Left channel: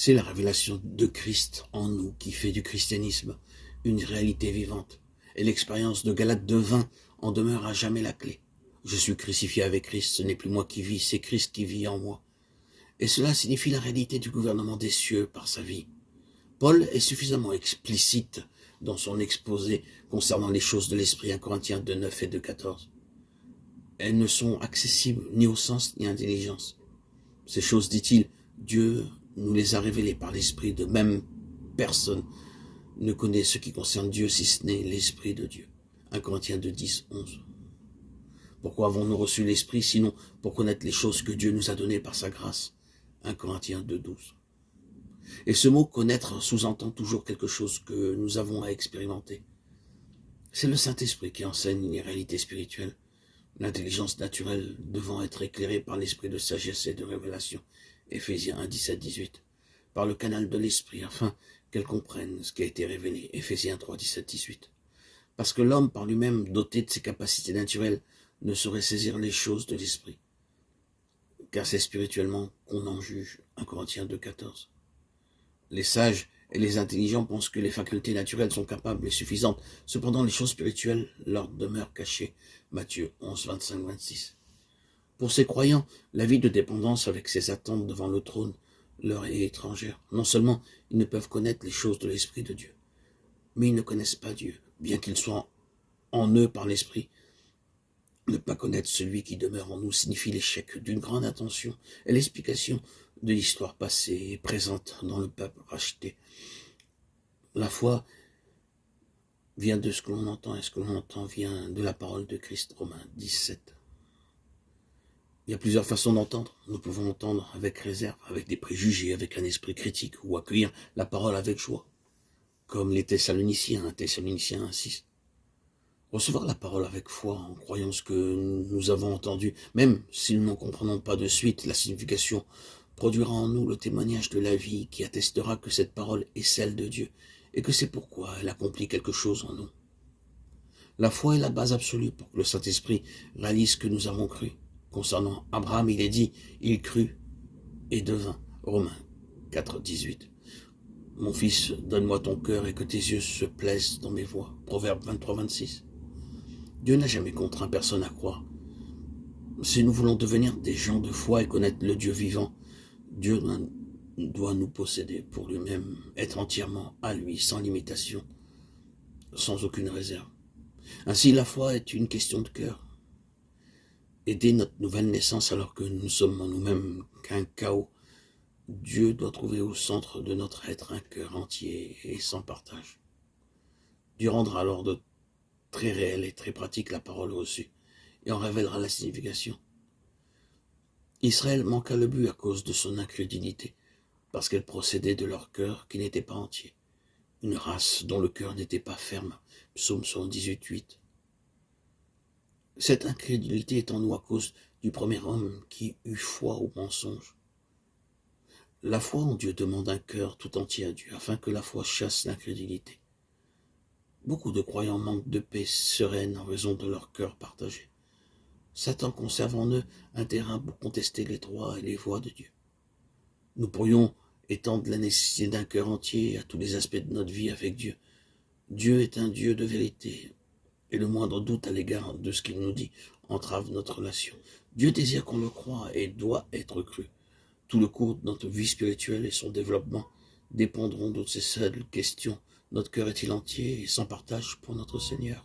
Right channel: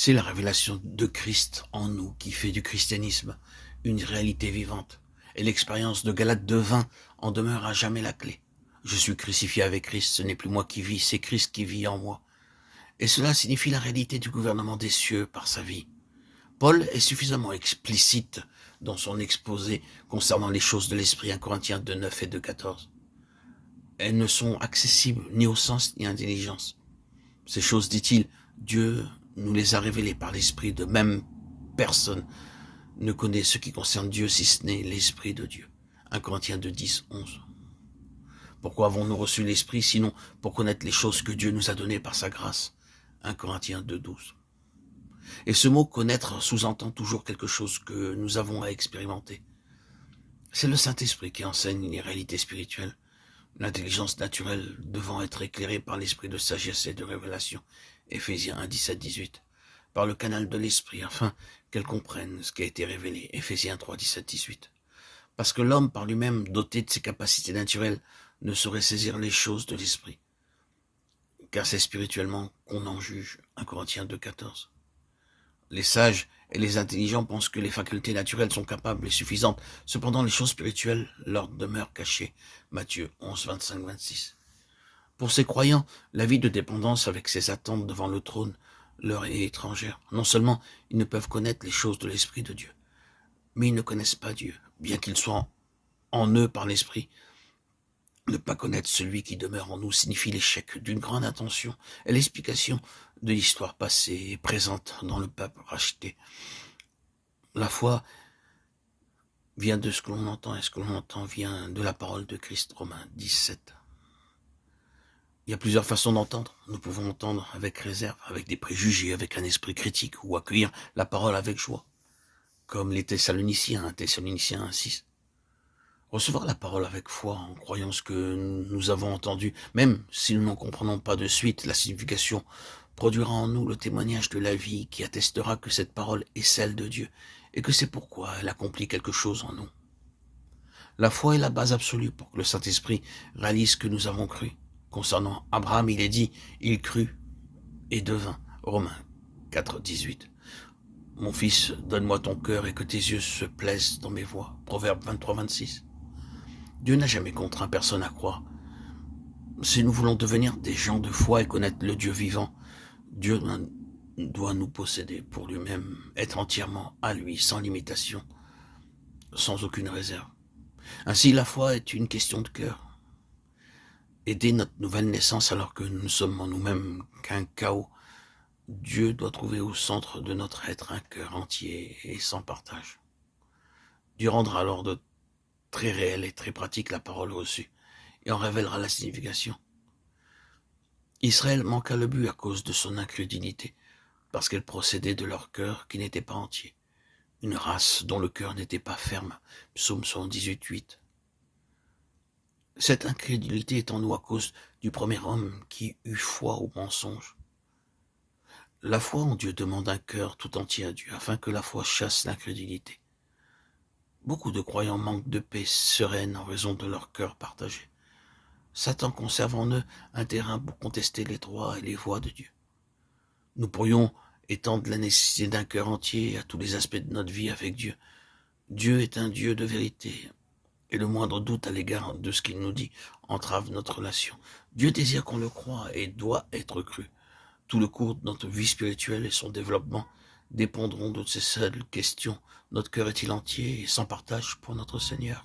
C'est la révélation de Christ en nous qui fait du christianisme une réalité vivante. Et l'expérience de Galates 2:20 en demeure à jamais la clé. Je suis crucifié avec Christ, ce n'est plus moi qui vis, c'est Christ qui vit en moi. Et cela signifie la réalité du gouvernement des cieux par sa vie. Paul est suffisamment explicite dans son exposé concernant les choses de l'esprit, 1 Corinthiens 2:9 et 2:14. Elles ne sont accessibles ni au sens ni à l'intelligence. Ces choses, dit-il, Dieu nous les a révélées par l'esprit, de même personne ne connaît ce qui concerne Dieu si ce n'est l'esprit de Dieu. 1 Corinthiens 2:10, 11. Pourquoi avons-nous reçu l'esprit sinon pour connaître les choses que Dieu nous a données par sa grâce? 1 Corinthiens 2:12. Et ce mot connaître sous-entend toujours quelque chose que nous avons à expérimenter. C'est le Saint-Esprit qui enseigne les réalités spirituelles, l'intelligence naturelle devant être éclairée par l'esprit de sagesse et de révélation, Éphésiens 1:17-18, par le canal de l'esprit, afin qu'elle comprenne ce qui a été révélé, Éphésiens 3:17-18. Parce que l'homme, par lui-même, doté de ses capacités naturelles, ne saurait saisir les choses de l'esprit, car c'est spirituellement qu'on en juge, 1 Corinthiens 2:14. Les sages et les intelligents pensent que les facultés naturelles sont capables et suffisantes. Cependant, les choses spirituelles leur demeurent cachées. Matthieu 11:25-26. Pour ces croyants, la vie de dépendance avec ses attentes devant le trône leur est étrangère. Non seulement ils ne peuvent connaître les choses de l'Esprit de Dieu, mais ils ne connaissent pas Dieu, bien qu'il soit en eux par l'Esprit. Ne pas connaître celui qui demeure en nous signifie l'échec d'une grande intention et l'explication de l'histoire passée et présente dans le peuple racheté. La foi vient de ce que l'on entend, et ce que l'on entend vient de la parole de Christ, Romains 17. Il y a plusieurs façons d'entendre. Nous pouvons entendre avec réserve, avec des préjugés, avec un esprit critique, ou accueillir la parole avec joie, comme les Thessaloniciens, 1 Thessaloniciens 1:6. Recevoir la parole avec foi, en croyant ce que nous avons entendu, même si nous n'en comprenons pas de suite la signification, produira en nous le témoignage de la vie qui attestera que cette parole est celle de Dieu et que c'est pourquoi elle accomplit quelque chose en nous. La foi est la base absolue pour que le Saint-Esprit réalise ce que nous avons cru. Concernant Abraham, il est dit, il crut et devint. Romains 4:18. Mon fils, donne-moi ton cœur et que tes yeux se plaisent dans mes voies. Proverbe 23:26. Dieu n'a jamais contraint personne à croire. Si nous voulons devenir des gens de foi et connaître le Dieu vivant, Dieu doit nous posséder pour lui-même, être entièrement à lui, sans limitation, sans aucune réserve. Ainsi, la foi est une question de cœur. Et dès notre nouvelle naissance, alors que nous ne sommes en nous-mêmes qu'un chaos, Dieu doit trouver au centre de notre être un cœur entier et sans partage. Dieu rendra alors de très réelle et très pratique la parole reçue, et en révélera la signification. Israël manqua le but à cause de son incrédulité, parce qu'elle procédait de leur cœur qui n'était pas entier, une race dont le cœur n'était pas ferme, psaume 118:8. Cette incrédulité est en nous à cause du premier homme qui eut foi au mensonge. La foi en Dieu demande un cœur tout entier à Dieu, afin que la foi chasse l'incrédulité. Beaucoup de croyants manquent de paix sereine en raison de leur cœur partagé. Satan conserve en eux un terrain pour contester les droits et les voies de Dieu. Nous pourrions étendre la nécessité d'un cœur entier à tous les aspects de notre vie avec Dieu. Dieu est un Dieu de vérité, et le moindre doute à l'égard de ce qu'il nous dit entrave notre relation. Dieu désire qu'on le croie et doit être cru. Tout le cours de notre vie spirituelle et son développement dépendront de ces seules questions. Notre cœur est-il entier et sans partage pour notre Seigneur?